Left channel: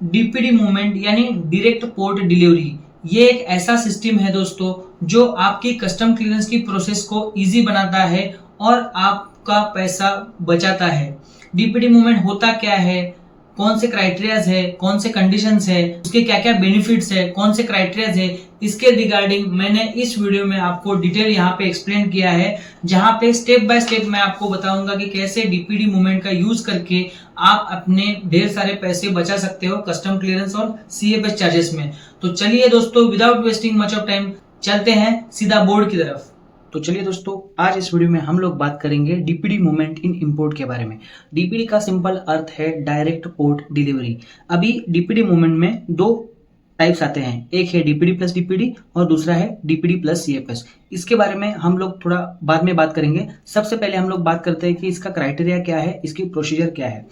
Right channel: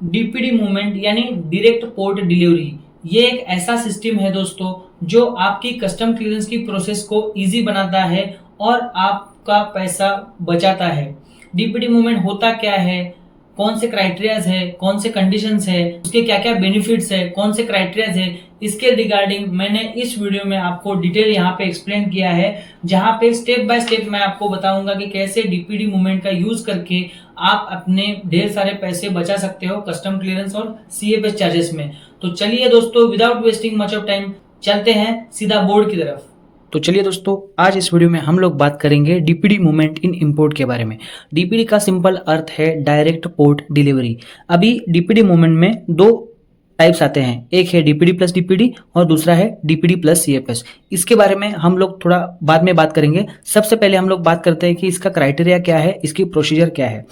DPD movement यानी direct port delivery, ये एक ऐसा सिस्टम है दोस्तों जो आपकी कस्टम क्लियरेंस की प्रोसेस को इजी बनाता है और आपका पैसा बचाता है। डीपीडी मूवमेंट होता क्या है, कौन से क्राइटेरियाज है, कौन से कंडीशंस है, उसके क्या क्या बेनिफिट्स है, कौन से क्राइटेरियाज है, इसके रिगार्डिंग मैंने इस वीडियो में आपको डिटेल यहाँ पे एक्सप्लेन किया है, जहाँ पे स्टेप बाय स्टेप मैं आपको बताऊंगा कि कैसे डीपीडी मूवमेंट का यूज करके आप अपने ढेर सारे पैसे बचा सकते हो कस्टम क्लियरेंस और सीएफएस चार्जेस में। तो चलिए दोस्तों, without wasting much of time चलते हैं सीधा बोर्ड की तरफ। तो चलिए दोस्तों, आज इस वीडियो में हम लोग बात करेंगे डीपीडी मूवमेंट इन इंपोर्ट के बारे में। डीपीडी का सिंपल अर्थ है डायरेक्ट पोर्ट डिलीवरी। अभी डीपीडी मूवमेंट में दो टाइप्स आते हैं, एक है डीपीडी प्लस डीपीडी और दूसरा है डीपीडी प्लस सीएफएस। इसके बारे में हम लोग थोड़ा बाद में बात करेंगे। सबसे पहले हम लोग बात करते हैं कि इसका क्राइटेरिया क्या है, इसकी प्रोसीजर क्या है।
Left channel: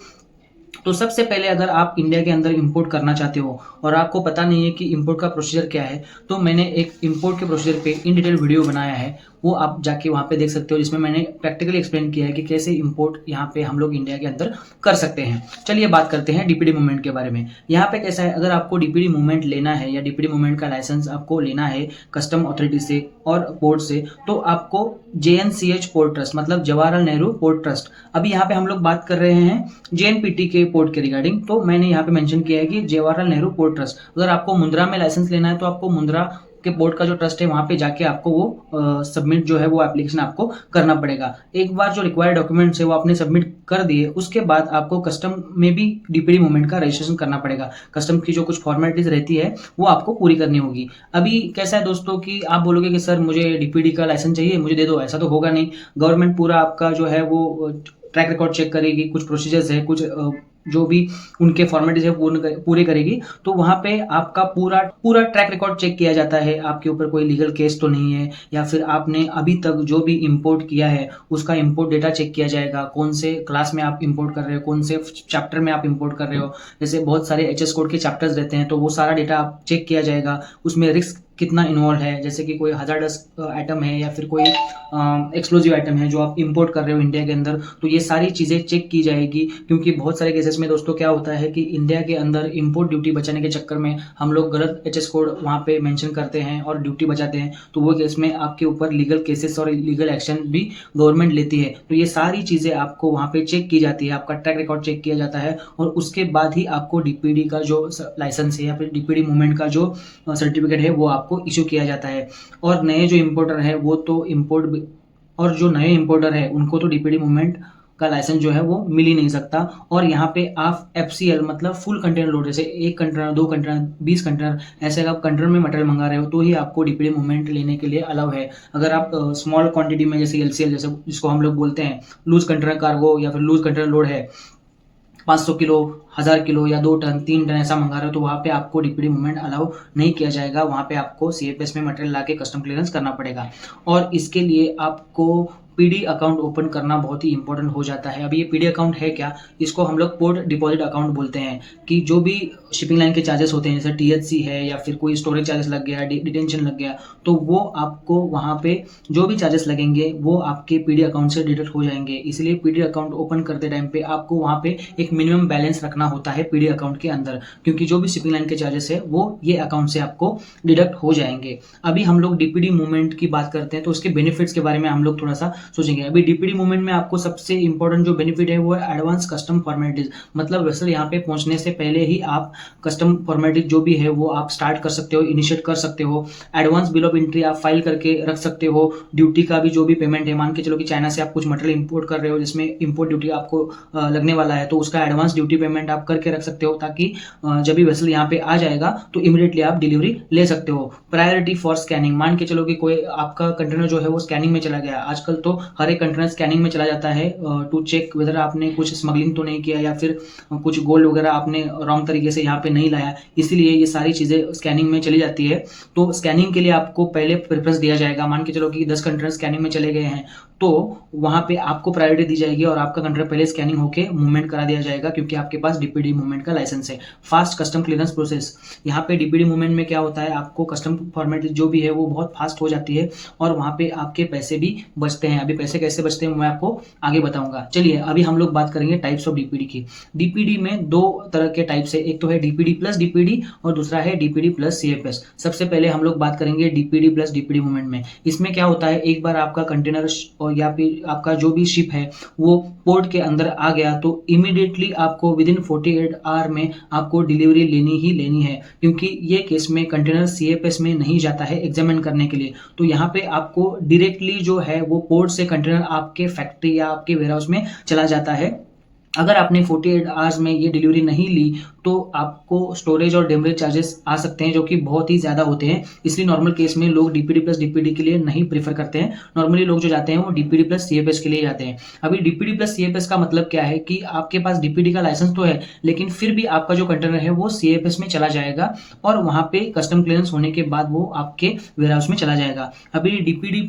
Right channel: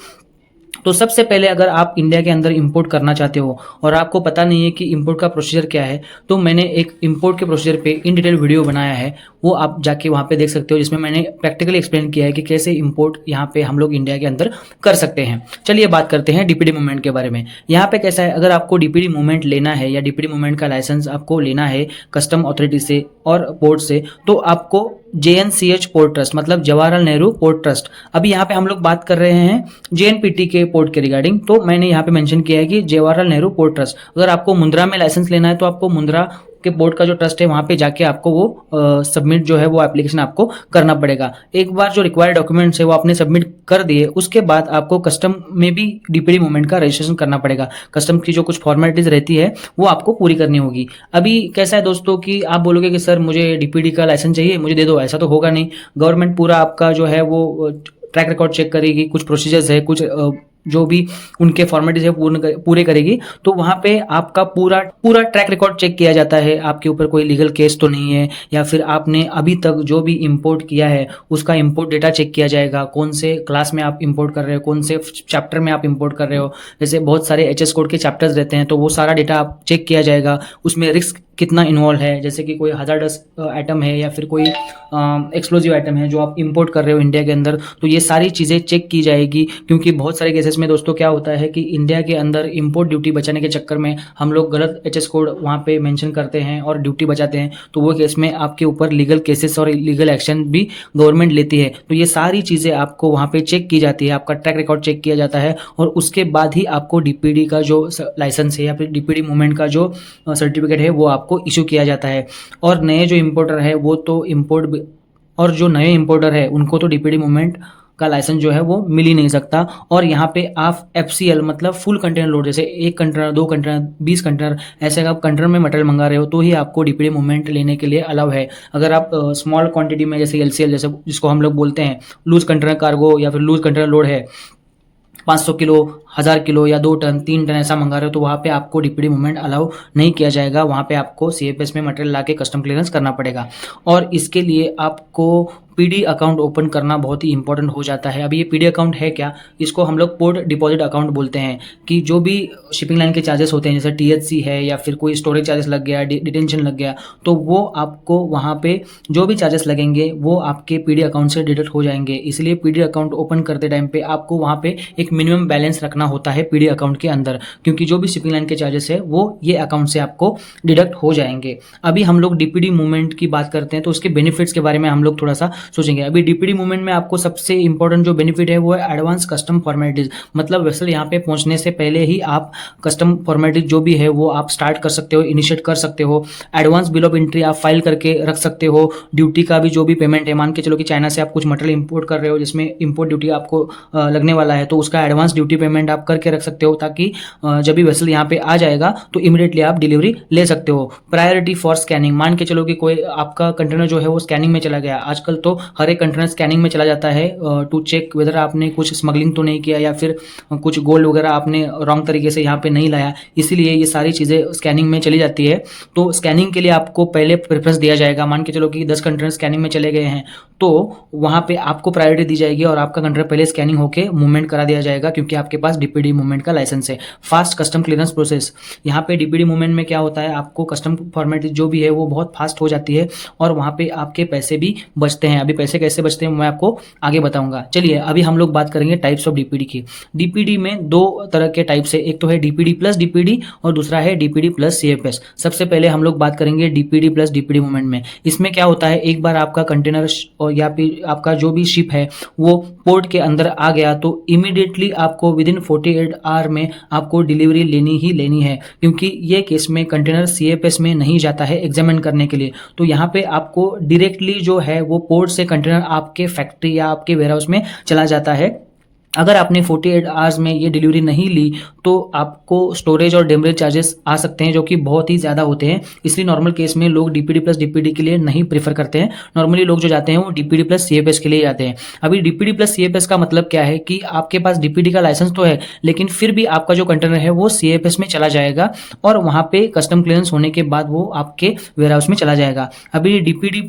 तो सबसे पहले अगर आप इंडिया के अंदर इंपोर्ट करना चाहते हो और आपको पता नहीं है कि इंपोर्ट का प्रोसीजर क्या है, तो मैंने एक इंपोर्ट के प्रोसीजर पे इन डिटेल वीडियो बनाया है, वो आप जाके वहाँ पे देख सकते हो, जिसमें मैंने प्रैक्टिकली एक्सप्लेन किया है कि कैसे इंपोर्ट यहाँ पे हम लोग इंडिया के अंदर कर सकते हैं। चलिए बात करते हैं डीपीडी मूवमेंट के बारे में। यहाँ पे कैसा है, अगर आपको डीपीडी मूवमेंट लेना है या डीपीडी मूवमेंट का लाइसेंस आपको लेना है कस्टम अथॉरिटी से और पोर्ट से, तो आपको JNCH पोर्ट ट्रस्ट मतलब जवाहरलाल नेहरू पोर्ट ट्रस्ट, अभी यहाँ पे हम लोग बात कर रहे हैं JNPT के पोर्ट के रिगार्डिंग, तो मैंने यहाँ पे मेंशन किया है कि जवाहरलाल नेहरू पोर्ट ट्रस्ट। अगर आपको मुंद्रा में लाइसेंस लेना है तो आपको मुंद्रा के बोर्ड का जो ट्रस्ट है वहाँ पे जाके आपको वो सबमिट जो है वो एप्लीकेशन आपको करना पड़ेगा। एक बार जो रिक्वायर्ड डॉक्यूमेंट्स है वो आपने सबमिट कर दिए, उसके बाद आपको कस्टम में भी डीपीडी मूवमेंट का रजिस्ट्रेशन करना पड़ेगा। कस्टम की जो कुछ फॉर्मेलिटीज रहती है वो आपको पूरी करनी होगी। अभी कैसा है दोस्तों कि आप बोलोगे कि सर मुझे डीपीडी का लाइसेंस चाहिए, मुझे दे दो, ऐसा तो होगा नहीं। गवर्नमेंट पूरा आपका जो है वो ट्रैक रिकॉर्ड चेक करेगी, कुछ प्रोसीजर्स है, कुछ जो भी उनके फॉर्मेलिटीज है पूरे करेगी, तो वहाँ पे आपका पूरा पूरा ट्रैक रिकॉर्ड चेक किया जाता है। आपके ऊपर कोई लीगल केस तो नहीं है, या फिर आपने अभी तक जो भी इंपोर्ट किया है उसका इंपोर्ट डेटा चेक किया जाएगा, कौन से क्लास में आप इंपोर्ट कर रहे हो, कौन से चैप्टर में आप इंपोर्ट कर रहे हो। जैसे बहुत सारे HS कोड के चैप्टर्स रहते हैं, तो वो सारा डेटा आप चेक किया जाएगा। उसमें रिस्क कितना इन्वॉल्व है, जैसे कि कोई हजार्डस आइटम है या फिर कोई एक्सप्लोजिव आइटम है जो आप इंपोर्ट कर रहे हो इंडिया के अंदर, तो ये सारी चीज़ें चेक की जाएगी। क्योंकि बहुत सारे केसेस में दोस्तों क्या होता है कि इंडिया के अंदर इंपोर्ट ड्यूटी बचाने के चक्कर में हम लोग गलत HS कोड वहाँ पे मेंशन करते हैं और ड्यूटी बचाते हैं, तो वो केस में आपके ऊपर लीगल केसेस और लीगल एक्शन भी गवर्नमेंट लेती है। तो ये सारी चीज़ें आपको वहाँ पे चेक की जाती है, आपका ट्रैक रिकॉर्ड चेक किया जाता है, और उसके बाद ही आपको डीपीडी का जो लाइसेंस है या फिर डीपीडी मूवमेंट का जो सर्टिफिकेट है वो आपको इशू किया जाता है। और नए जो इंपोर्टर है वो तो और जो नए इंपोर्टर है उनको तो डीपीडी मूवमेंट का लाइसेंस जो है वो मिल ही नहीं सकता। और यहाँ पे आप FCL मतलब फुल कंटेनर लोड, जैसे 1 कंटेनर, 2 कंटेनर, 20 कंटेनर, ऐसे आप कंटेनर में मटेरियल मंगा रहे हो तो ही आपको डीपीडी मूवमेंट लेने के लिए अलाउ है। अगर आप स्मॉल क्वांटिटी में जैसे LCL जैसे जिसको हम लोग बोलते हैं लूज कंटेनर कार्गो या फिर लूज कंटेनर लोड है, 500 किलो, 1000 किलो या 2 टन 3 टन ऐसा मंगा रहे हो, तो वहाँ पे आपको डीपीडी मूवमेंट अलाउ नहीं किया जाएगा। वहाँ पे आपको CFS में मटेरियल ला के कस्टम क्लियरेंस करना पड़ेगा, और इसके लिए आपको PD अकाउंट ओपन करना बहुत ही इंपॉर्टेंट हो जाता है। अभी ये PD अकाउंट है क्या, इसको हम लोग पोर्ट डिपॉजिट अकाउंट बोलते हैं। कि जो भी शिपिंग लाइन के चार्जेस होते हैं, जैसे THC है या फिर कोई स्टोरेज चार्जेस लग गया, डिटेंशन लग गया, तो वो आपको वहाँ पे जो भी चार्जेस लगेंगे वो आपके PD अकाउंट से डिडक्ट हो जाएंगे। इसलिए PD अकाउंट ओपन करते टाइम पे आपको वहाँ पे एक मिनिमम बैलेंस रखना होता है PD अकाउंट के अंदर, क्योंकि जो भी शिपिंग लाइन के चार्जेस है वो ये अकाउंट से आपको डिडक्ट हो जाएंगे। अभी हम लोग डीपीडी मूवमेंट की बात करते हैं तो उसके बेनिफिट्स के बारे में हम लोग थोड़ा सा सोचेंगे। अभी डीपीडी मूवमेंट में आपको सबसे इंपॉर्टेंट जो बेनिफिट है वो है एडवांस कस्टम फॉर्मेलिटीज, मतलब वेसल यहाँ पे पहुंचने से पहले ही आप कस्टम फॉर्मेलिटीज जो भी है वो आप स्टार्ट कर सकते हो, इनिशिएट कर सकते हो। एडवांस बिल ऑफ एंट्री आप फाइल करके रख सकते हो। ड्यूटी का भी जो भी पेमेंट है, मान के चलो कि चाइना से आप कुछ मटेरियल इंपोर्ट कर रहे हो जिसमें इंपोर्ट ड्यूटी आपको लगने वाला है, तो उसका एडवांस ड्यूटी पेमेंट आप करके रख सकते हो, ताकि जब भी वेसल यहाँ पे आ जाएगा तो इमीडिएटली आप डिलीवरी ले सकते हो। प्रायोरिटी फॉर स्कैनिंग, मान के चलो कि कोई आपका कंटेनर जो है वो स्कैनिंग में चला गया, आजकल तो हर एक कंटेनर स्कैनिंग में चला जाता है टू चेक वेदर आपने कुछ स्मगलिंग तो नहीं किया या फिर कुछ गोल्ड वगैरह आपने रॉन्ग तरीके से यहाँ पे नहीं लाया, इसीलिए ये सारी चीज़ें स्कैनिंग में चली जाती है। तो स्कैनिंग के लिए आपको पहले प्रेफरेंस दिया जाएगा। मान के चलो कि 10 कंटेनर स्कैनिंग में चले गए हैं, तो वहाँ पे आपको प्रायोरिटी दी जाएगी और आपका कंटेनर पहले स्कैनिंग होके मूवमेंट करा दिया जाएगा, क्योंकि आपके पास डीपीडी मूवमेंट का लाइसेंस है। फास्ट कस्टम क्लियरेंस प्रोसेस, यहाँ पे डीपीडी मूवमेंट में क्या होता है, आपको कस्टम फॉर्मेट जो भी है वो बहुत फास्ट हो जाती है और वहाँ पे आपके पैसे भी बचते हैं। अभी पैसे कैसे बचते हैं मैं आपको आगे बताऊंगा। चलिए अभी हम लोग बात करेंगे टाइप्स ऑफ डीपीडी की। डीपीडी में दो तरह के टाइप्स है, एक तो है डीपीडी प्लस डीपीडी और दूसरा है डीपीडी प्लस सीएफएस। सबसे पहले हम लोग बात करेंगे डीपीडी प्लस डीपीडी मूवमेंट में। इसमें क्या होता है, एक बार आपका कंटेनर और या फिर आपका जो भी शिप है वो पोर्ट के अंदर आ गया तो इमीडिएटली आपको विद इन 48 आवर में आपको डिलीवरी लेनी ही लेनी है, क्योंकि ये केस में कंटेनर सीएफएस में नहीं जाता है एग्जामिन करने के लिए। तो यहाँ पे आपको डायरेक्टली जो है वो पोर्ट से कंटेनर आपके फैक्ट्री या आपके वेयरहाउस में चला जाता है। अगर आपने 48 आवर्स में ये डिलीवरी नहीं ली तो आपको स्टोरेज और डेमरेज चार्जेस आ सकते हैं, जो कि बहुत ही ज़्यादा होते हैं। इसलिए नॉर्मल केस में लोग डीपीडी प्लस डीपीडी के लिए नहीं प्रीफर करते हैं। नॉर्मली लोग जो जाते हैं वो डीपीडी प्लस सीएफएस के लिए जाते हैं। अभी डीपीडी प्लस सीएफएस का मतलब क्या है कि आपके पास डीपीडी का लाइसेंस तो है, लेकिन फिर भी आपका जो कंटेनर है वो सीएफएस में चला जाएगा और वहाँ पे कस्टम क्लियरेंस होने के बाद वो आपके वेयरहाउस में चला जाएगा। अभी डीपीडी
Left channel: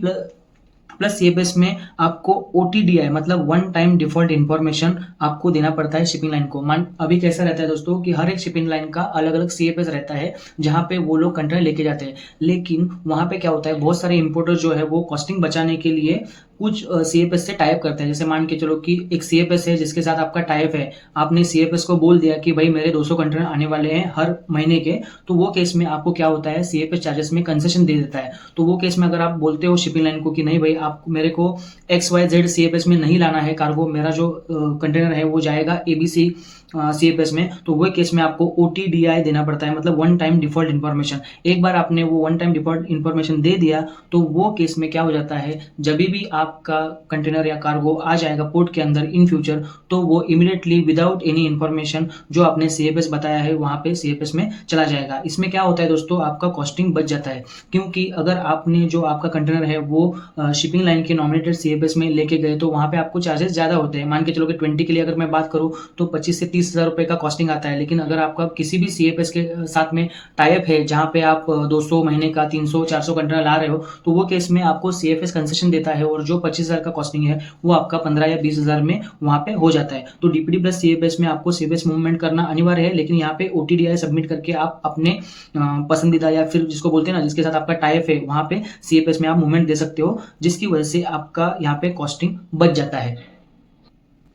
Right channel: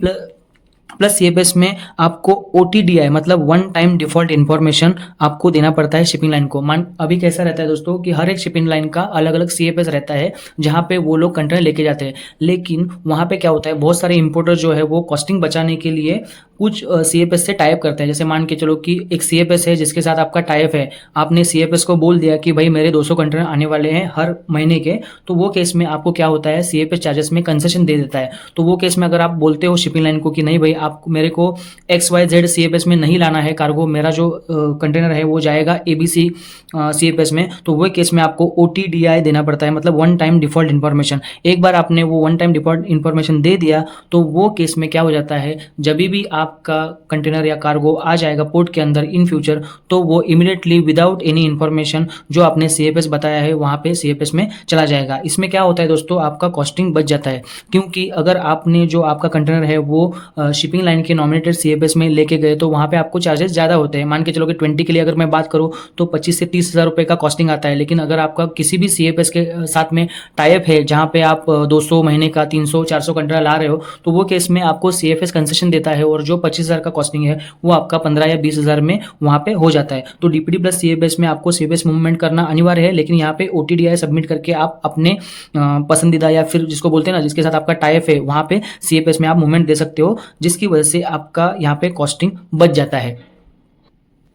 प्लस सीएफएस में आपको ओटीडीआई मतलब वन टाइम डिफॉल्ट इन्फॉर्मेशन आपको देना पड़ता है शिपिंग लाइन को। मान अभी कैसा रहता है दोस्तों कि हर एक शिपिंग लाइन का अलग अलग सीएफएस रहता है जहां पे वो लोग कंटेनर लेके जाते हैं, लेकिन वहां पे क्या होता है, बहुत सारे इंपोर्टर जो है वो कॉस्टिंग बचाने के लिए कुछ सीएफएस से टाइप करते हैं। जैसे मान के चलो कि एक सीएफएस है जिसके साथ आपका टाइप है, आपने सीएफएस को बोल दिया कि भाई मेरे 200 कंटेनर आने वाले हैं हर महीने के, तो वो केस में आपको क्या होता है, सीएफएस चार्जेस में कंसेशन दे देता है। तो वो केस में अगर आप बोलते हो शिपिंग लाइन को कि नहीं भाई आप मेरे को XYZ सीएफएस में नहीं लाना है कार्गो, मेरा जो कंटेनर है वो जाएगा ABC सीएफएस में, तो वो केस में आपको ओटीडीआई देना पड़ता है, मतलब वन टाइम डिफॉल्ट इन्फॉर्मेशन। एक बार आपने वो वन टाइम डिफॉल्ट इन्फॉर्मेशन दे दिया तो वो केस में क्या हो जाता है, जब भी आपका कंटेनर या कार्गो आ जाएगा पोर्ट के अंदर इन फ्यूचर, तो वो इमीडिएटली विदाउट एनी इन्फॉर्मेशन जो आपने सीएफएस बताया है वहाँ पे सीएफएस में चला जाएगा। इसमें क्या होता है दोस्तों, आपका कॉस्टिंग बच जाता है, क्योंकि अगर आपने जो आपका कंटेनर है वो शिपिंग लाइन के नॉमिनेटेड सीएफएस में लेके गए तो वहाँ पे आपको चार्जेस ज़्यादा होते हैं। मान के चलो कि 20 के लिए अगर मैं बात करूँ तो 25 से 30 हज़ार रुपये का कॉस्टिंग आता है, लेकिन अगर आपका किसी भी सीएफएस के साथ में टाइप है जहाँ पे आप 200 महीने का 300-400 कंटेनर ला रहे हो, तो वो केस में आपको सीएफएस कंसेशन देता है और जो 25,000 का कॉस्टिंग है वो आपका 15 या 20,000 में वहाँ पे हो जाता है। तो डीपीडी प्लस सीएफएस में आपको सीएफएस मूवमेंट करना अनिवार्य है, लेकिन यहाँ पे ओटीडीआई सबमिट करके आप अपने पसंदीदा या फिर जिसको बोलते हैं ना जिसके साथ आपका टाइप है वहाँ पे सीएफएस में आप मूवमेंट दे सकते हो, जिसकी वजह से आपका यहाँ पे कॉस्टिंग बच जाता है।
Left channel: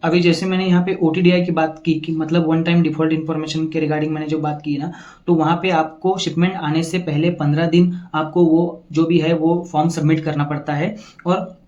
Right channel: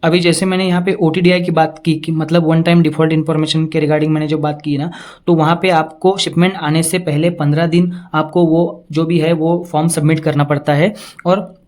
अभी जैसे मैंने यहाँ पे ओटीडीआई की बात की कि मतलब वन टाइम डिफॉल्ट इन्फॉर्मेशन के रिगार्डिंग मैंने जो बात की ना, तो वहाँ पे आपको शिपमेंट आने से पहले 15 दिन आपको वो जो भी है वो फॉर्म सबमिट करना पड़ता है और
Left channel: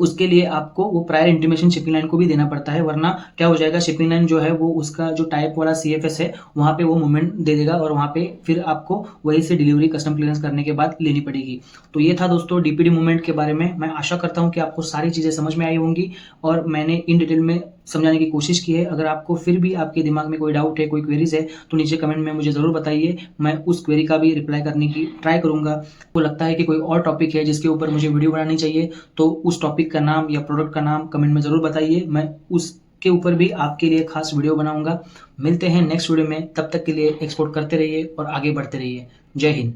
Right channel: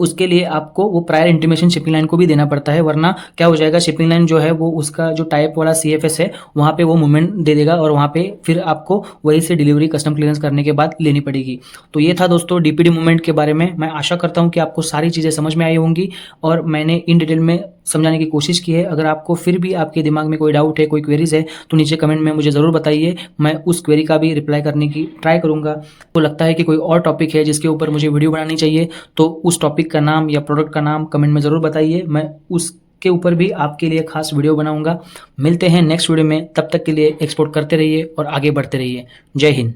उसके लिए आपको वो प्रायर इंटीमेशन शिपिंग लाइन को भी देना पड़ता है, वरना क्या हो जाएगा, शिपिंग लाइन जो है वो उसका जो टाइप वाला सीएफएस है वहाँ पे वो मूवमेंट दे देगा और वहाँ पे फिर आपको वहीं से डिलीवरी कस्टम क्लियरेंस करने के बाद लेनी पड़ेगी। तो ये था दोस्तों डीपीडी मूवमेंट के बारे में। मैं आशा करता हूँ कि आपको सारी चीज़ें समझ में आई होंगी और मैंने इन डिटेल में समझाने की कोशिश की है। अगर आपको फिर भी आपके दिमाग में कोई डाउट है, कोई क्वेरीज है, तो नीचे कमेंट में मुझे ज़रूर बताइए, मैं उस क्वेरी का भी रिप्लाई करने की ट्राई करूँगा। तो लगता है कि कोई और टॉपिक है जिसके ऊपर मुझे वीडियो बनानी चाहिए, तो उस टॉपिक का नाम या प्रोडक्ट का नाम कमेंट में ज़रूर बताइए, मैं उसके ऊपर भी आपके लिए खास वीडियो बनाऊँगा। मिलते हैं नेक्स्ट वीडियो में, तब तक के लिए एक्सपोर्ट करते रहिए और आगे बढ़ते रहिए। जय हिंद।